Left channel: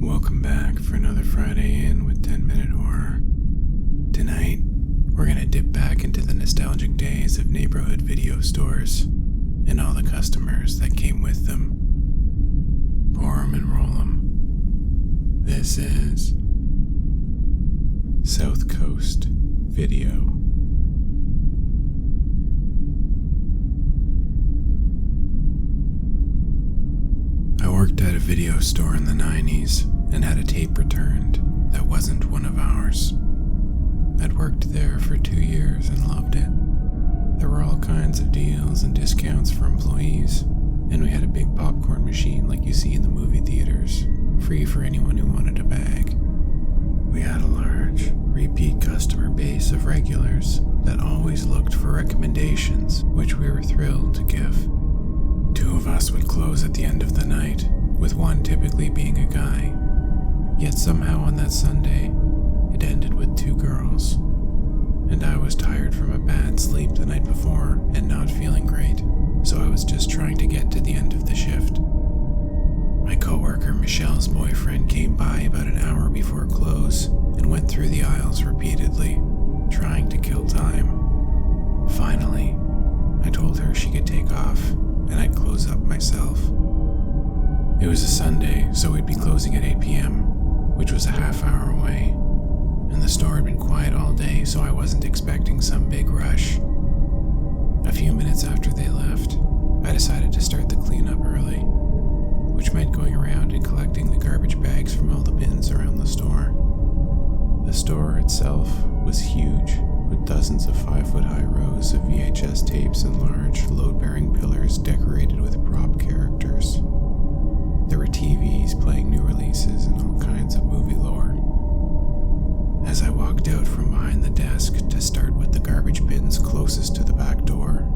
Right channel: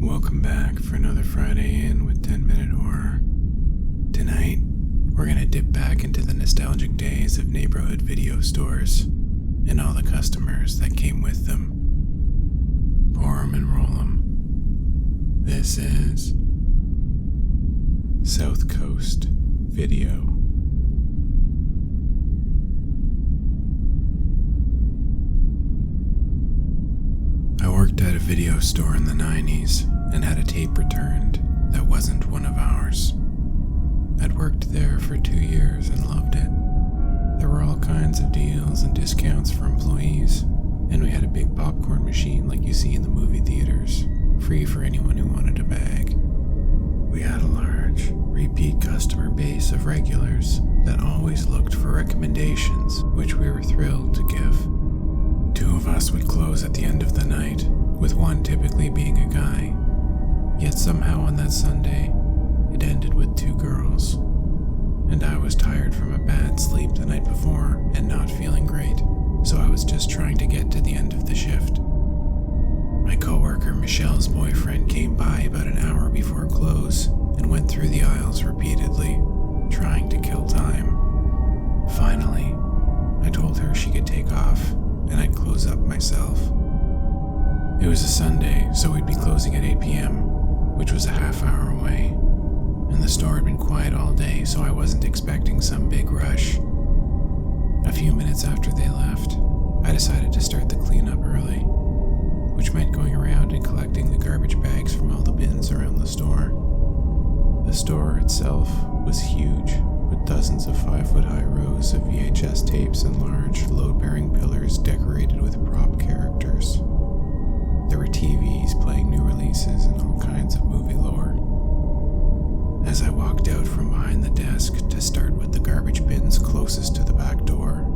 Welcome back for another Friday in with 10-Minute Horror. Tonight, we're gonna dip back into the nostalgic days of neighborhood video stores and all the customers that came with them. Pour 'em and roll 'em. This is South Coast Video. I worked at a video store in the 90s and had a tape returned that wasn't one of ours. I'd worked there for 2 years and loved it. There were all kinds of deals and discounts for employees, and we had a big popcorn machine like you see in the movie theaters, free for anyone who wanted a bag. We had a large, repeat customer base of regulars that always looked for recommendations, which we were thrilled to give. 2 of us would close at the end of the night, with one typically being a guy. Yet somehow on that Sunday, it ended with 2 girls. And I was tired from a bad sleep the night before and not feeling great, so I was just trying to get to the end of the shift. My coworker Michelle's boyfriend came by about an hour before close and went through the aisles repeatedly, trying to kill time. Finally, I told her she could take off and I'd close up myself. It was a Sunday, so we'd be closing at 8 p.m., which was a half hour away, and the store had been quiet all day, so I wasn't expecting some big rush. A few minutes after they left, I decided to start the cleanup early, which meant going around and collecting the garbage bags from all the bins around the store. The store itself was huge, with dozens of 5-foot-high rows of VHS tapes and large, load-bearing pillars decorated with prop characters. There were TVs playing new releases and all kinds of movie lore. As I walked out from behind the desk to start with the garbage bins closest to the back door,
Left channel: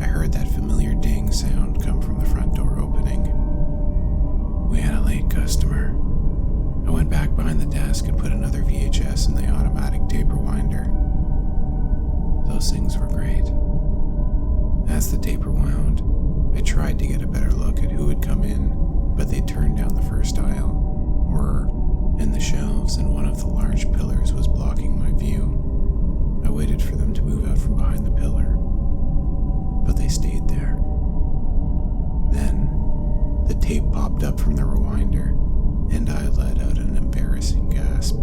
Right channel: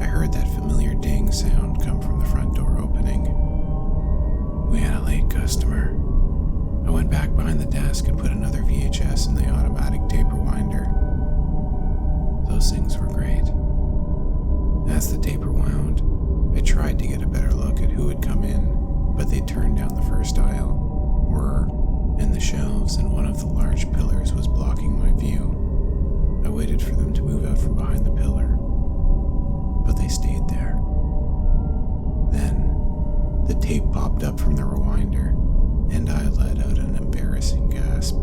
I heard that familiar ding sound come from the front door opening. We had a late customer. I went back behind the desk and put another VHS in the automatic tape rewinder. Those things were great. As the tape rewound, I tried to get a better look at who had come in, but they turned down the first aisle, were in the shelves, and one of the large pillars was blocking my view. I waited for them to move out from behind the pillar, but they stayed there. Then, the tape popped up from the rewinder, and I let out an embarrassing gasp.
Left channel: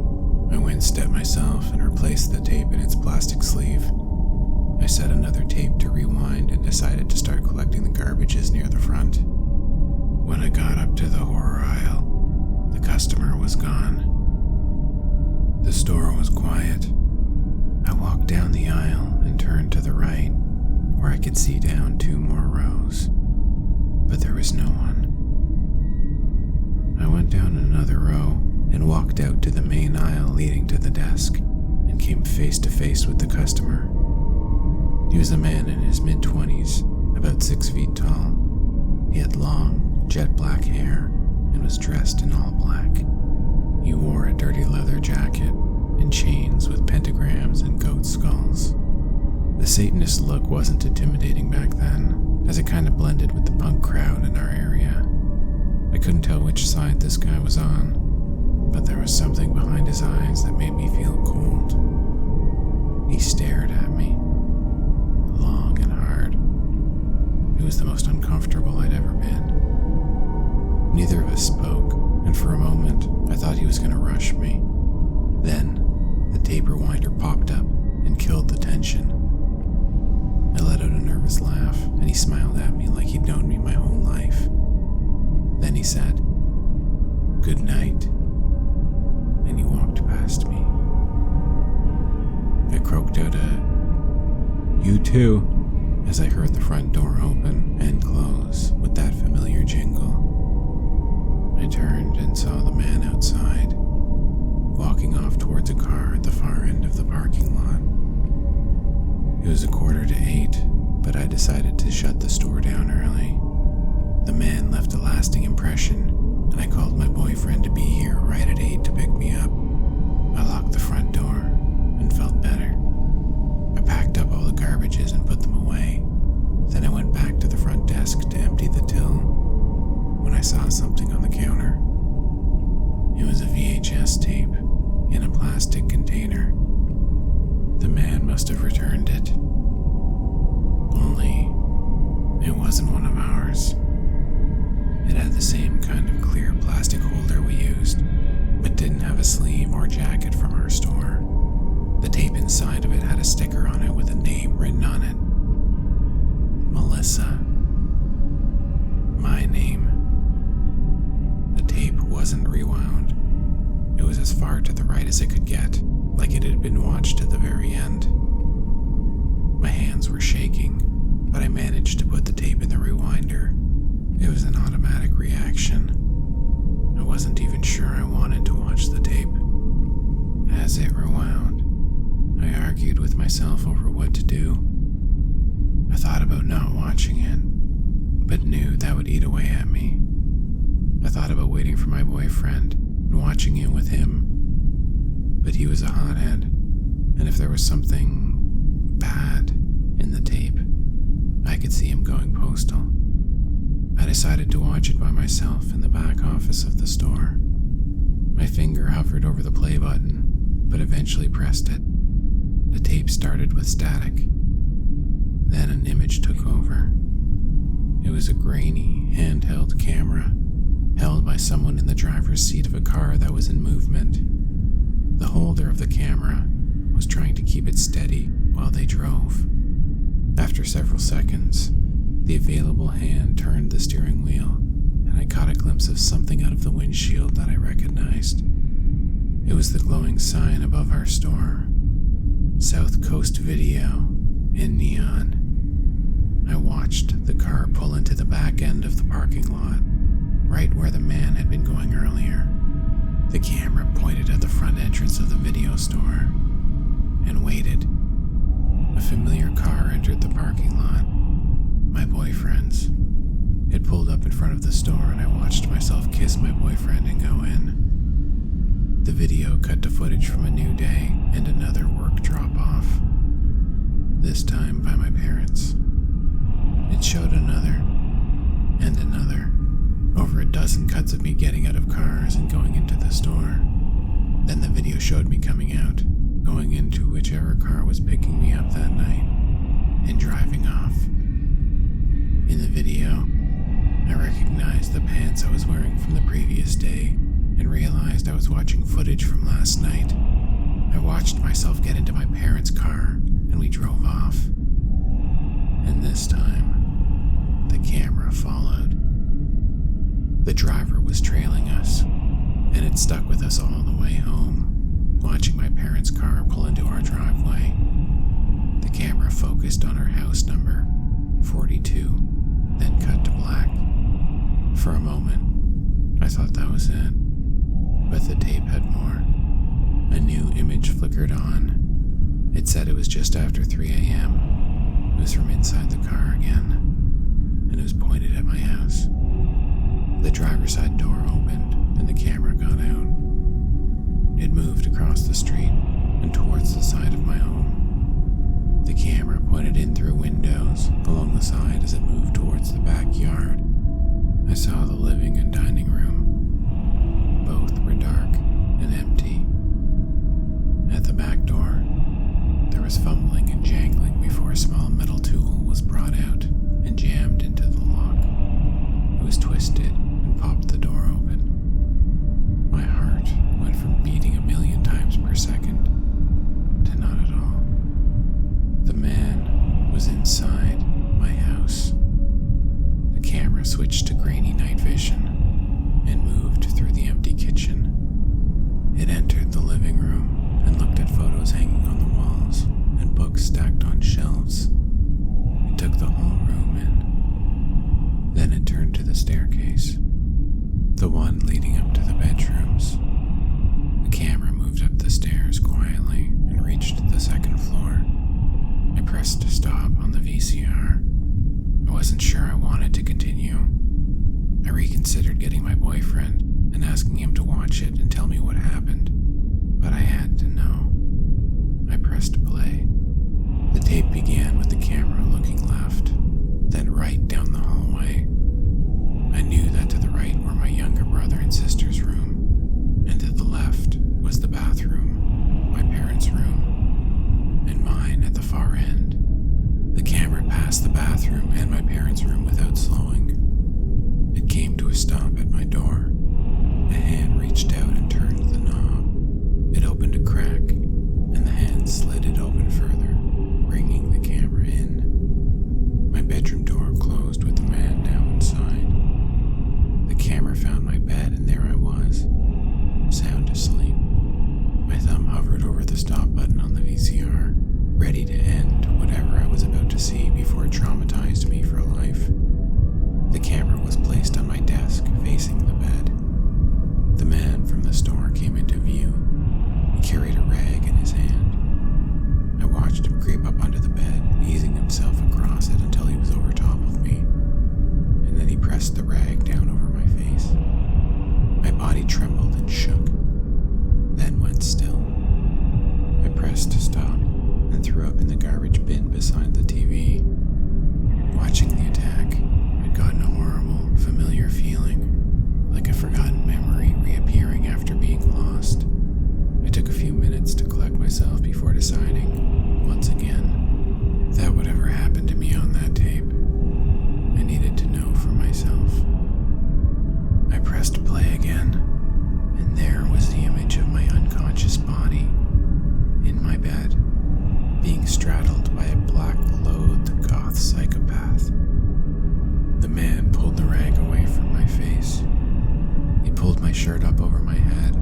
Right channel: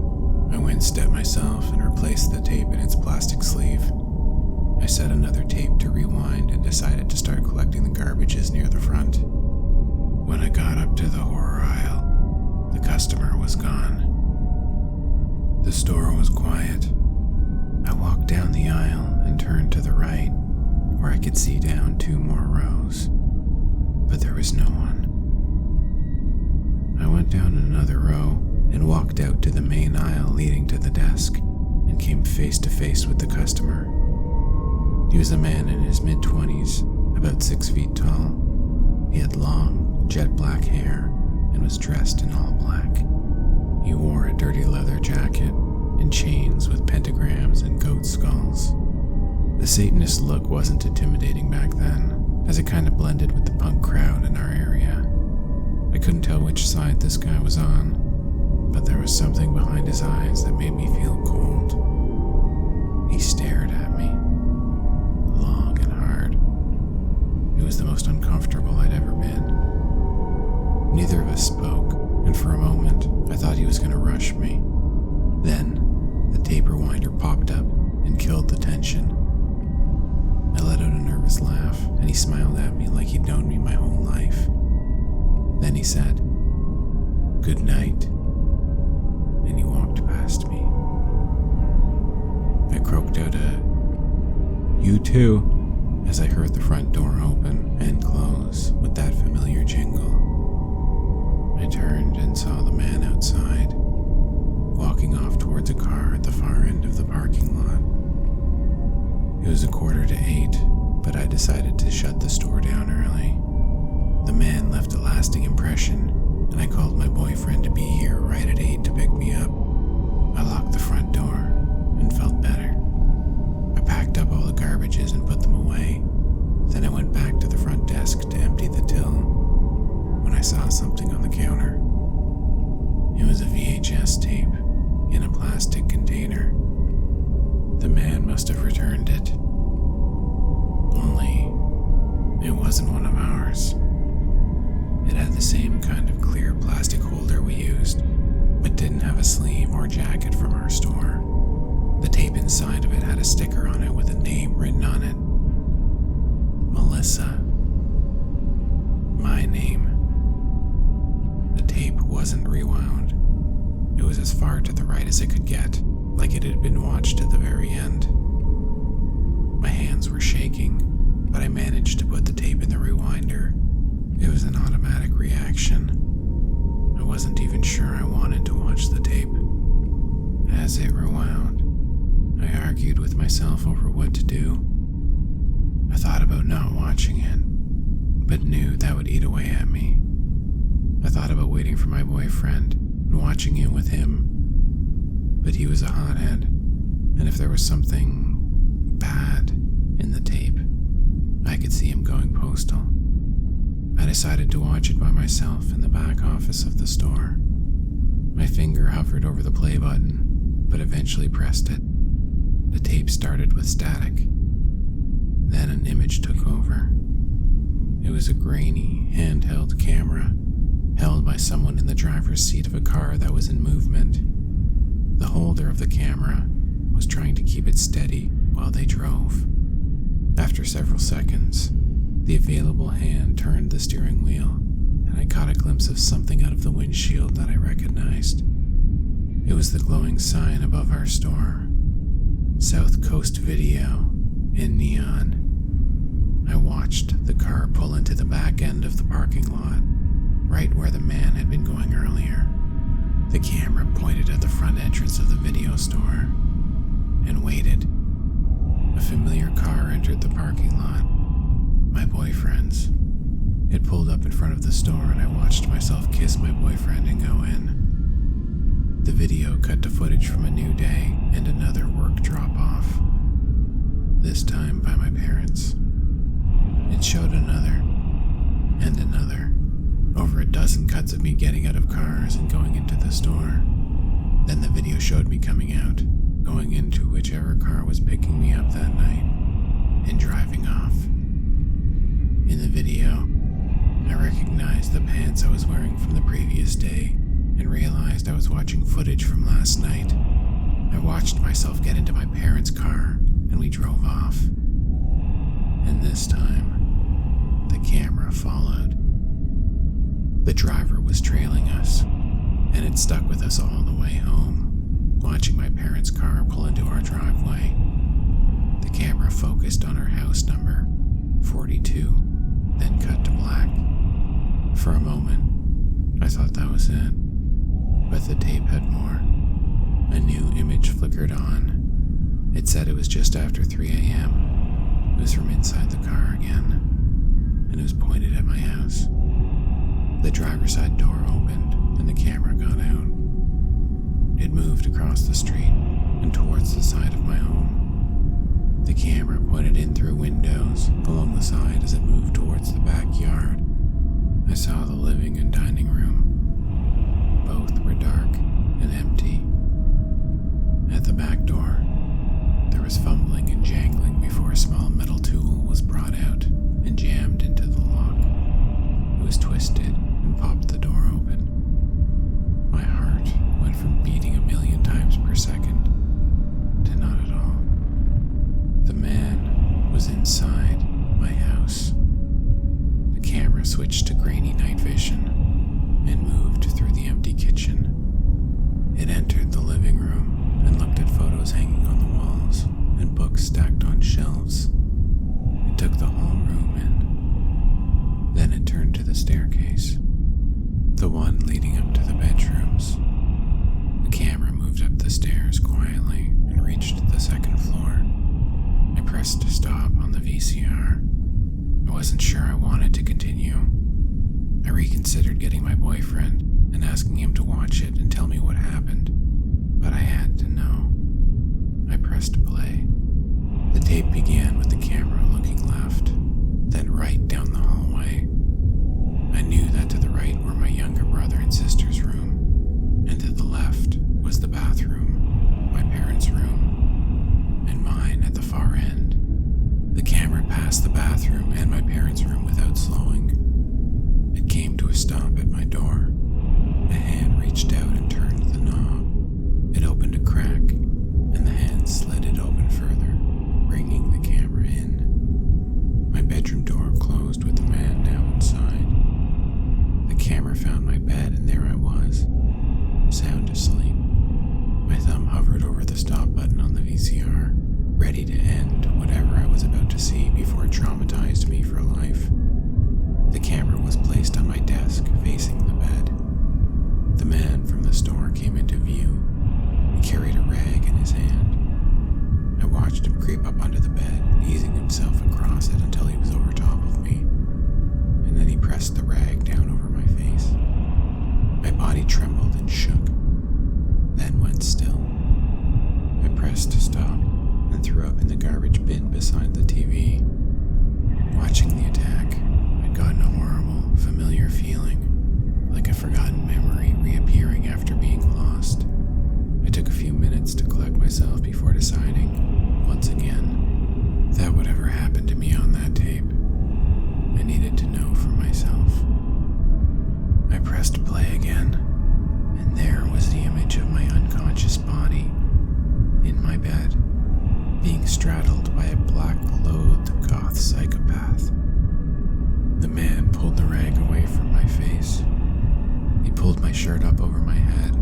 I winced at myself and replaced the tape in its plastic sleeve. I set another tape to rewind and decided to start collecting the garbages near the front. When I got up to the horror aisle, the customer was gone. The store was quiet. I walked down the aisle and turned to the right, where I could see down 2 more rows, but there was no one. I went down another row and walked out to the main aisle leading to the desk and came face to face with the customer. He was a man in his mid-20s, about 6 feet tall. He had long, jet black hair and was dressed in all black. He wore a dirty leather jacket and chains with pentagrams and goat skulls. The Satanist look wasn't intimidating back then, as it kind of blended with the punk crowd in our area. I couldn't tell which side this guy was on, but there was something behind his eyes that made me feel cold. He stared at me, long and hard. It was the most uncomfortable I'd ever been. Neither of us spoke, and for a moment, I thought he was going to rush me. Then, the tape rewinder popped up and killed the tension. I let out a nervous laugh, and he smiled at me like he'd known me my whole life. Then he said, "Good night," and he walked past me. I croaked out a, "You too," as I heard the front door open and close with that familiar jingle. I turned and saw the man outside, walking off towards a car at the far end of the parking lot. It was 7:45, but I decided to shut the store down early. The man left a lasting impression, and I called my boyfriend to be here right at 8 to pick me up. I locked the front door and felt better. I packed up all the garbages and put them away. Then I went back to the front desk to empty the till when I saw something on the counter. It VHS tape in a plastic container. The man must have returned it. Only, it wasn't one of ours. It had the same kind of clear plastic holder we used, but didn't have a sleeve or jacket from our store. The tape inside of it had a sticker on it with a name written on it. Melissa. My name. The tape wasn't rewound. It was as far to the right as it could get, like it had been watched to the very end. My hands were shaking, but I managed to put the tape in the rewinder. It was an automatic reaction. I wasn't even sure I wanted to watch the tape. As it rewound, I argued with myself over what to do. I thought about not watching it, but knew that would eat away at me. I thought about waiting for my boyfriend and watching it with him, but he was a hothead, and if there was something bad in the tape, I could see him going postal. I decided to watch it by myself in the back office of the store. My finger hovered over the play button, but eventually pressed it. The tape started with static. Then an image took over. It was a grainy, handheld camera, held by someone in the driver's seat of a car that was in movement. The holder of the camera was trying to keep it steady while they drove. After several seconds, the available hand turned the steering wheel, and I caught a glimpse of something out of the windshield that I recognized. It was the glowing sign above our store. South Coast Video in neon. I watched the car pull into the back end of the parking lot, right where the man had been going earlier. The camera pointed at the front entrance of the video store and waited. A familiar car entered the parking lot. My boyfriend's. It pulled up in front of the store and I watched myself kiss my boyfriend and go in. The video cut to footage from a new day and another work drop-off, this time by my parents. It showed another, and another, over a dozen cuts of me getting out of cars and going into the store. Then the video showed me coming out, going into whichever car was picking me up that night, and driving off. In the video, I recognized the pants I was wearing from the previous day and realized I was watching footage from last night. I watched myself get into my parents' car and we drove off. And this time, the camera followed. The driver was trailing us, and it stuck with us all the way home, watching my parents' car pull into our driveway. The camera focused on our house number, 42, then cut to black. For a moment, I thought that was it, but the tape had more. A new image flickered on. It said it was just after 3 a.m. It was from inside the car again, and it was pointed at my house. The driver's side door opened, and the camera got out. It moved across the street and towards the side of my home. The camera pointed in through windows along the side as it moved towards the backyard. I saw the living and dining room. Both were dark and empty. At the back door, there was fumbling and jangling before a small metal tool was brought out and jammed into the lock. It was twisted and popped the door open. My heart went from beating 1,000,000 times per second to not at all. The man was inside my house. The camera switched to grainy night vision and moved through the empty kitchen. It entered the living room and looked at photos hanging on the walls and books stacked on shelves. It took the whole room in. Then it turned to the staircase, the one leading up to the bedrooms. The camera moved up the stairs quietly and reached the second floor. I pressed stop on the VCR. I wasn't sure I wanted to continue. I reconsidered getting my boyfriend and asking him to watch it and tell me what happened, but I had to know. I pressed play. The tape began with the camera looking left, then right down the hallway. I knew that to the right were my younger brother and sister's room, and to the left VCR, ready to end whatever I was about to see before it traumatized me for life. The camera was placed on my desk, facing the bed. The man from the store came into view. He carried a rag in his hand. I watched him creep up onto the bed, easing himself across it until he was over top of me, and then he pressed the rag down over my face. My body trembled and shook, then went still. I pressed to stop and threw up in the garbage bin beside the TV. Watching the attack, I'd gotten a horrible, familiar feeling, like a forgotten memory reappearing after being lost. I took a few minutes to collect myself before deciding, once again, that whatever happened to me on that tape, I needed to know for myself. I pressed play again, and there was the image of my unconscious body, in my bed, being straddled by a black-clothed goth psychopath. The man pulled the rag away from my face. He pulled my shirt up over my head,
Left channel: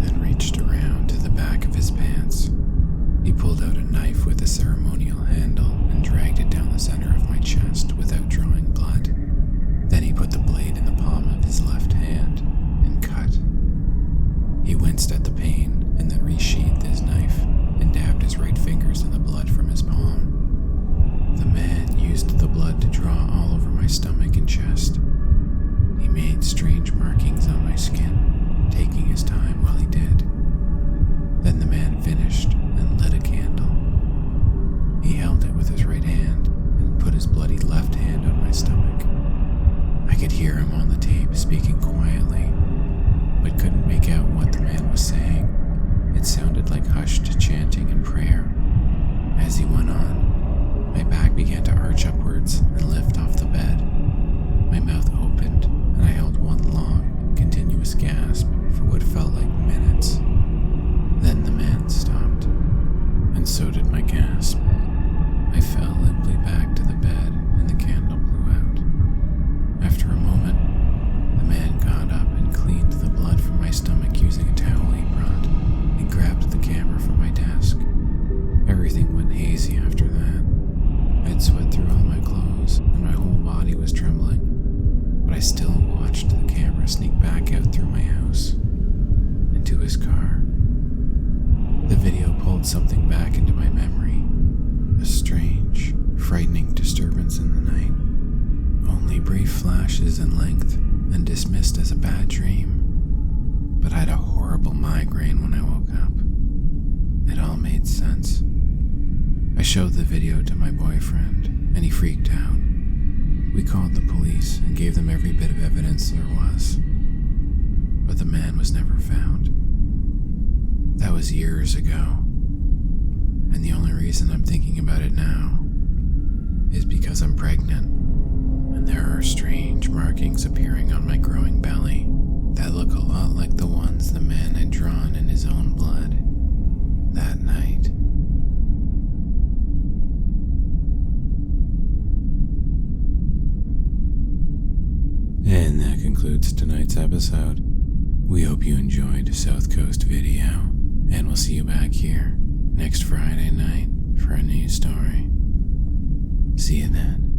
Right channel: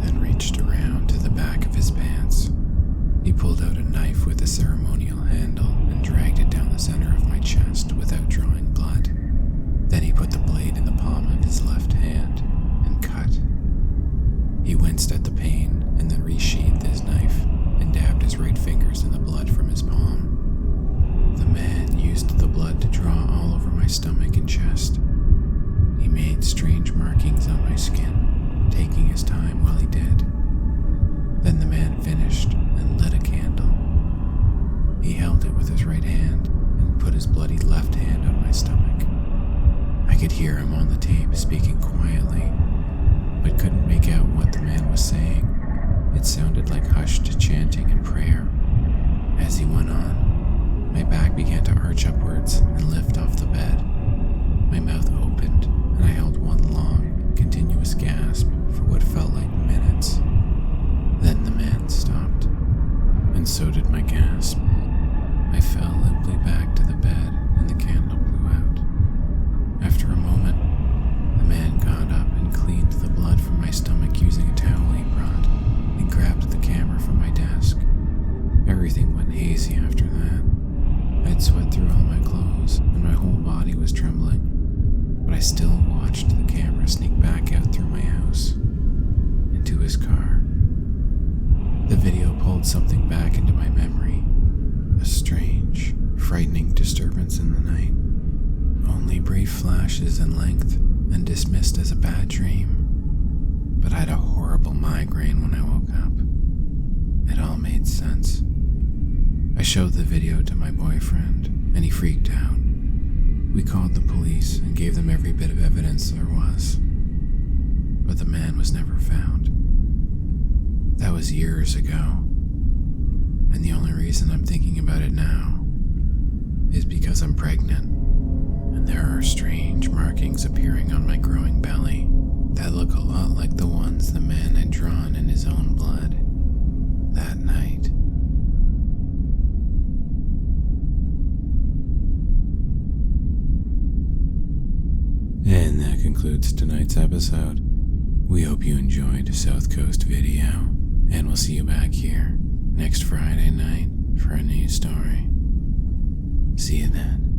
then reached around to the back of his pants. He pulled out a knife with a ceremonial handle and dragged it down the center of my chest without drawing blood. Then he put the blade in the palm of his left hand and cut. He winced at the pain and then resheathed his knife and dabbed his right fingers in the blood from his palm. The man used the blood to draw all over my stomach and chest. He made strange markings on my skin, taking his time while he did. Then the man finished and lit a candle. He held it with his right hand and put his bloody left hand on my stomach. I could hear him on the tape speaking quietly, but couldn't make out what the man was saying. It sounded like hushed chanting and prayer. As he went on, my back began to arch upwards and lift off the bed. My mouth opened, and I held one long, continuous gasp for what felt like minutes. Then the man stopped, and so did my gasp. I fell limply back to the bed, and the candle blew out. After a moment, the man got up and cleaned the blood from my stomach using a towel he brought. He grabbed the camera from my desk. Everything went hazy after that. I'd sweat through all my clothes, and my whole body was trembling, but I still watched the camera sneak back out through my house, into his car. The video pulled something back into my memory, a strange, frightening disturbance in the night. Only brief flashes in length and dismissed as a bad dream, but I had a horrible migraine when I woke up. It all made sense. I showed the video to my boyfriend, and he freaked out. We called the police and gave them every bit of evidence there was, but the man was never found. That was years ago, and the only reason I'm thinking about it now is because I'm pregnant, and there are strange markings appearing on my growing belly that look a lot like the ones the man had drawn in his own blood that night. And that concludes tonight's episode. We hope you enjoyed South Coast Video, and we'll see you back here next Friday night for a new story. See you then.